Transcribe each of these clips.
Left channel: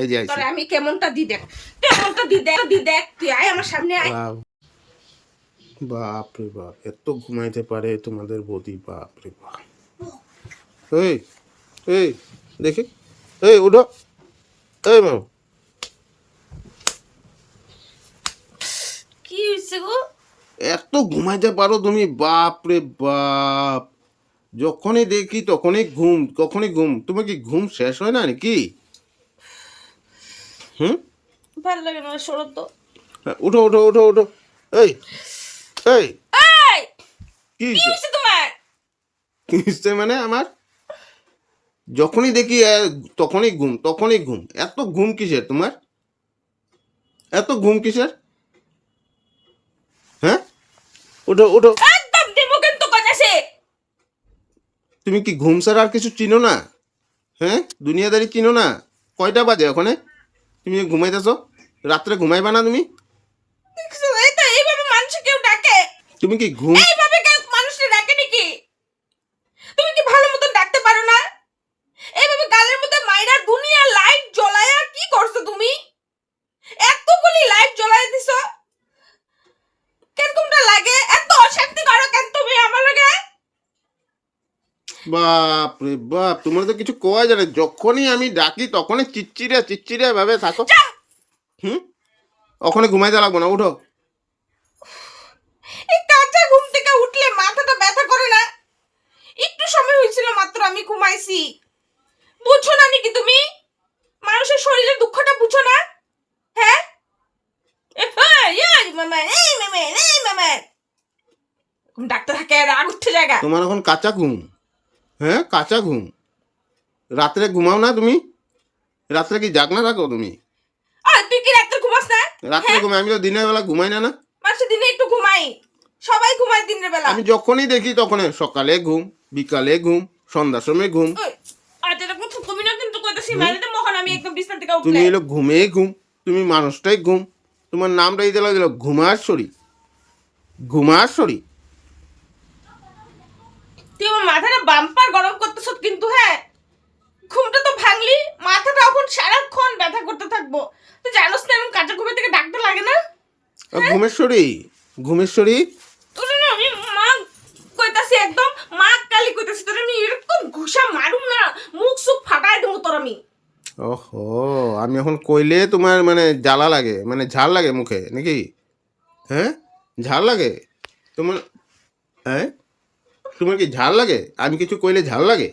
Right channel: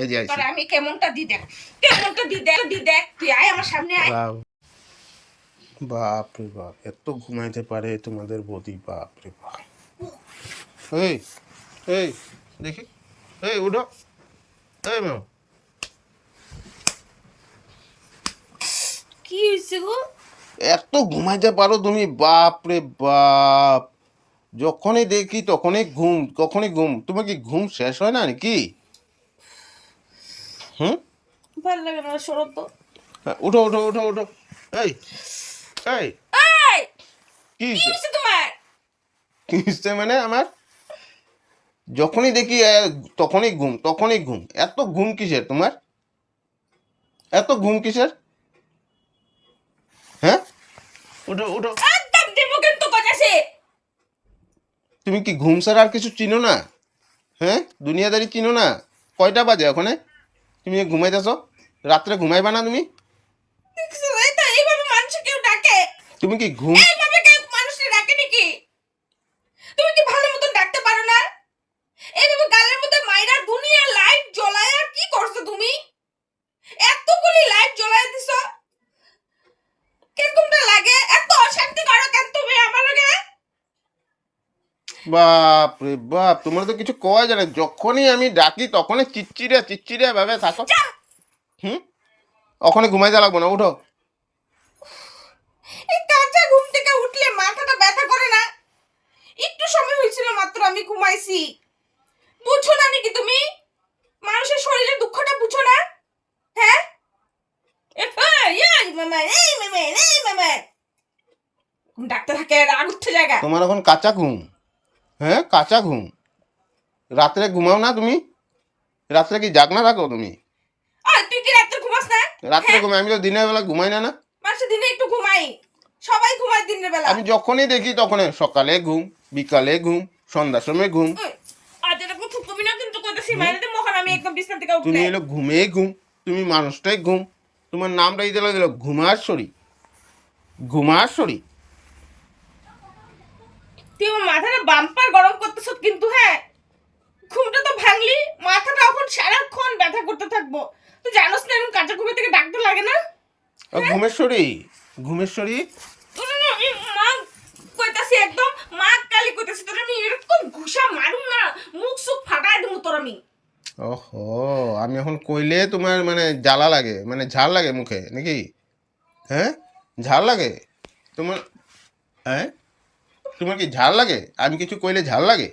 এই যে আইছি। তোরে আমি কেমনটা দি দেখ, কেমনটা দি দেখ তুই আয় আমার সামনে আয়। বাপ রে বাপ, এত ঘুমাইতে পারে তোমাদের বৌদি, বাপ রে বাপ। এই এই দেখি, এই উঠো, এই বাবু। কি হইছে গো? এত ঘুমাইতে পারো তুমি, বাপ রে বাপ। যখনই দেখি তখনই ঘুম, কখনই ঘুম। তোমার কি ঘুম শেষ হয় না নাকি? হুম, ভাল লাগে না, সরো তো। উঠো উঠো উঠো উঠো। এই এই এই কি কি হইছে? হইছে তোমার? কি হইছে মানে আমার? যখনই দেখি তখনই ঘুম, তখনই ঘুম। এত ঘুম কিসের তোমার? এত ঘুম কিসের? হ্যাঁ, উঠো উঠো। একদম দেব কিন্তু কইতাছে। তুমি কি ঘুম ছাড়া আর কিছু চিনো না? হ্যাঁ, দুনিয়াদারি চিনো না? কয়টা বাজে ওখানে? তুমি ঘুমাইতেছো? রাত্রে ঘুমাইবা না তুমি? দেখছো এই তো এইভাবে মানুষ কেউ ডাকে? তুমি কি ঘুম? এইভাবে কেউ মানুষকে ডাকে নাকি? তুমি কি ভালো মতন ডাকতে পারো না? এইভাবে গালের মধ্যে মাইরার দুনিয়া লাইট জ্বলায়া কি করছো তুমি? এতগুলি লাইট জ্বলায়া দিছো। কিরকমটা লাগে? এত অশান্তি করো কেন তুমি আমার লাগে? বাপ রে বাপ, তোমার তো কিছু কওয়া যায় না। যখনই আমি ডাকি তখনই চিচ্চিড়ে চিচ্চিড়ে ভাবে থাকো। হুম, ওখানে ঘুমাইতে লাগবো না, উঠো। এই কাঁচা ঘুম থেকে উঠলে মাথাটা ব্যথা করে না? একটু সময় হয়েছিল মাত্র আমি ঘুমাইছি। বুঝছো না নাকি তুমি? মানুষের শরীরের দুঃখটা বুঝো না? হ্যাঁ? এই মামা, এই মামা, এই মামা। ডাক্তার থাকে রাগ উঠতে জায়গা। তোমার এখন কাঁচা ঘুম। হ্যাঁ, কাঁচা ঘুম। রাত্রে ঘুমাও না তুমি? রাত্রে কি জাগনা থাকো তুমি? তুই কি রাত্রে ঘুমাস না? রাত্রে ঘুমাই, আমি তো দিনের বেলা ঘুমাই না। না, মানুষ দিনে একটু ঘুমাই, সবাই ঘুমায় দিনের বেলা। আমি যখনই দেখি তখনই সকালে ঘুম, বিকালে ঘুম, সন্ধ্যার সময় ঘুম। আজ এরকম থুকবি না কিন্তু কইতাছি, হুম? মাইরে মহান আমি একদম বিছানা থেকে তুমি উঠলে। এলো ঘুমেই ঘুম, তুমি মানুষটাই ঘুম। তোমার নামটা দিতে লাগলো ঘুমার শরী, ঘুমার শরী। তুই আমার মাথাটা বাম্পার গরম করতেছ কিন্তু। হ্যাঁ, ঘুমটা তো ভাঙলি, মাথাটা এখন সারাক্ষণ ব্যথা করতে থাকবো। তুই জানোস না এরকম কাঁচা ঘুমে থেকে ডাকতে লাগে না? ঘুমের শরী, ঘুমের শরী। তোর না আমি মা কইতাছি, একদম মা কালি কইতাছি, তোর আমি এরকম ঘুষা মারুম না, মুখ সুখ ফাটাই দেবো তোর আমি। ওহো, আমি এখন কইলে তোমার মানে জ্বালা লাগে, মানে ঝাল লাগে মুখে নাকি? হ্যাঁ, ঝাল লাগে তোমার? হ্যাঁ, তোমার কি ঝাল লাগে? আমি কিছু কইলে ঝাল লাগে?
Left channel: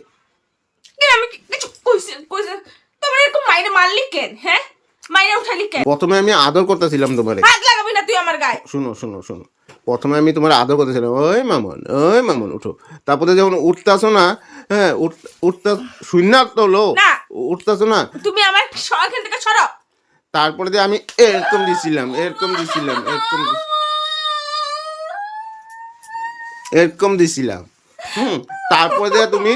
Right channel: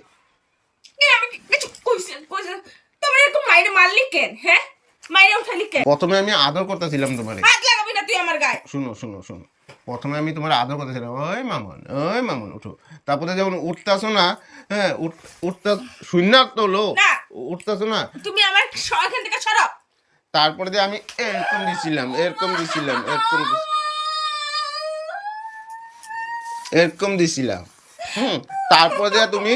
আমি কিছু কইছে তোমার এরকম মাইরে মারলি কেন? হ্যাঁ, মাইরে উঠালি কেন? প্রথমে আমি আদর করতেছিলাম তোমারে। হাত লাগাবি না তুই আমার গায়ে। শুনো শুনো শোনো, প্রথমে আমি তোমার আদর করতেছিলাম, ওই মামন, ওই মামন উঠো। তারপরে যখন উঠতেছো না, হ্যাঁ উঠতে শূন্য তো লো, না, উঠতেছো না। তুমি আমার এখান থেকে সরো। তারপরে যে আমি এরকম দিছিলাম, এরকম দিছিলাম, এরকম দিছিলাম। হুম, তারপরে যে তুমি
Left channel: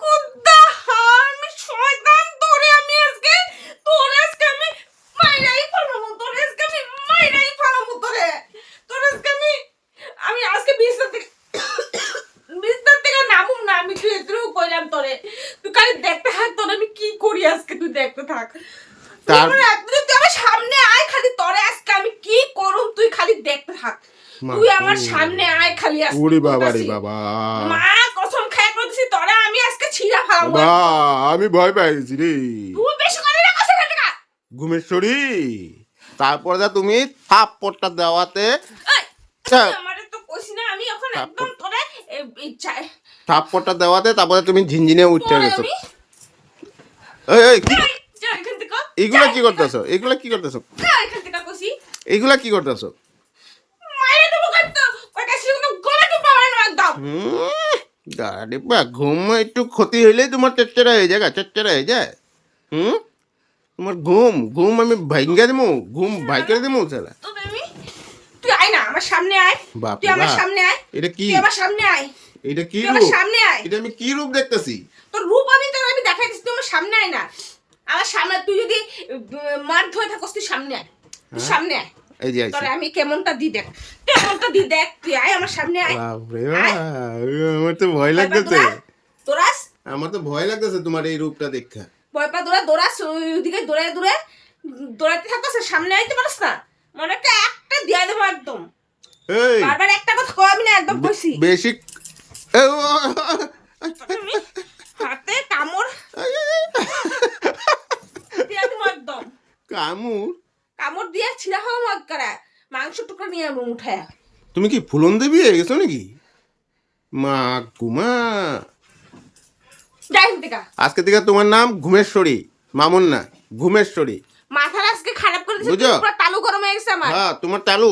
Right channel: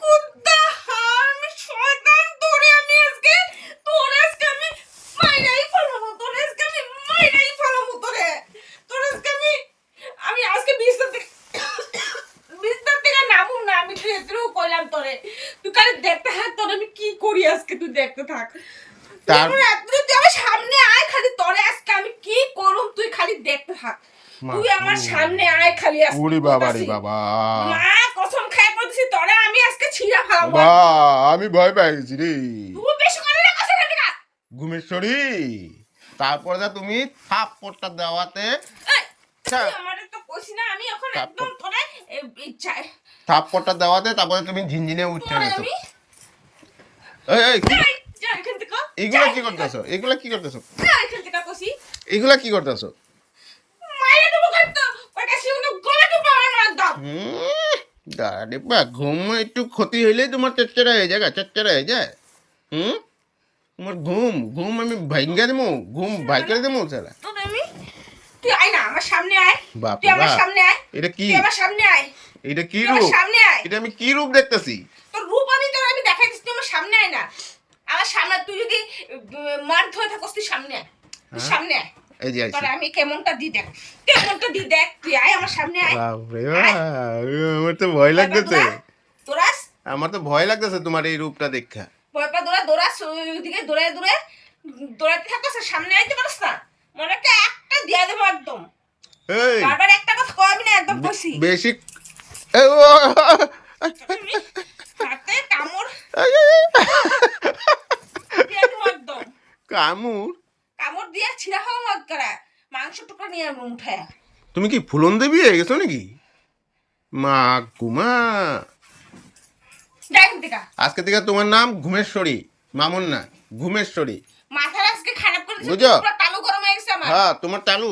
কুত্তা হারামি শয়তান, তোরে আমি আজকে আমি মাইরাই ফেলবো। তোরে আজকে আমি আজকে বিছনা থেকে নামুম না। আমি তুই এতটুকু কইলাম তোরে, তুই খালি দেখতে থাক তোরে আমি কি করি আজকে, তুই দেখতে থাক। তার তুই আমার সামনে আয়, খালি তোরে আজকে আমি কি করুম তুই খালি দেখতে থাক। তুই আমার সামনে আয় খালি আজকে। উড়ি বাবা রে বাবা, মা কসম খায় কইতেছি তোরে আমি আজকে ছিঁড়া ফেলাবো। বাবা আমি ভয় পাই গেছি রে। তুই বেশি করে না কসম খায়। ঘুমের শরী। তারপরে যা তুমি থাপ্পড়টা দেওয়াতে, তুই আমারে তো কইছি না, আমি এখন একদম তোরে ইচ্ছায় থাপ্পড়টা দেওয়াতে তারপরে তুমি ঝিনঝিনে উঠে তোরে গেছো। আমি এই কি যা এখান থেকে। এগুলা কি করতেছো? এগুলা কি করতেছো? যা এখান থেকে কইছি। এগুলা কি করতেছো? মাইরে দেবো কিন্তু ওই কাছে কোনো গলা টিপা হয় না একদম। আরে বা, ঘুম একটু ক্ষতি হইলেই তোমার চেচ্চেরা হয়ে যায়, চেচ্চেরা হয়ে যায়। হুম, তোমার ঘুম ঘুম আমি ভাইঙ্গা দেবো, ঘুম ভাই করে দেবো সালা। তোরে আমি তুই আয় না আমার সামনে আয়। বাপ তুই রে আমার বাপ, সামনে আয়। এটা কি? তুই আমার সামনে আয়। এটা কি তুই আমার রূপ? সামনে আয়। এটা আমি কি রূপ দেখতেছি? তোর রূপ আমি দেখাইছি, তুই আমার সামনে আয় না। আমার সামনে তুই যদি মার ধরে থাকস তুই সামনে আয়। তুই সামনে আয়। এই যে আইছি। তোরে আমি কেমনটা দি দেখ, তুই আয় আমার সামনে আয়। বাপ রে বাপ, আমার তো ভয় লাগতেছে। তোরা আমার তো ভয় লাগতেছে তোমার এই রূপটা দেখা। ভয় পা দৌড়াস ওইদিকে দৌড়াতে থাকতেছে, সামনে আইতে পারস না, মনে একটা দিয়া দেবো একদম। এই বারবার একটা কথা কবি না, একদম কইছি। বেশি হাতে কামড় দিয়া দেবো একদম। কামুর কামড় দিয়া ছিঁড়া হওয়া মত করা, মাংস টুকরা নিয়ে উঠায়। তুমি কি ফুলন দেবী হয়ে গেছো নাকি? মা গুমা, যাই দেখা আজকে থেকে তোমার নাম ঘুমেশ্বরী, মামুন না, ঘুমেশ্বরী। মাথার আজকে খারাপ করে দিছে, বুঝো? পুরো তালু গরম হয়ে গেছে আমার। হ্যাঁ তোমার চালু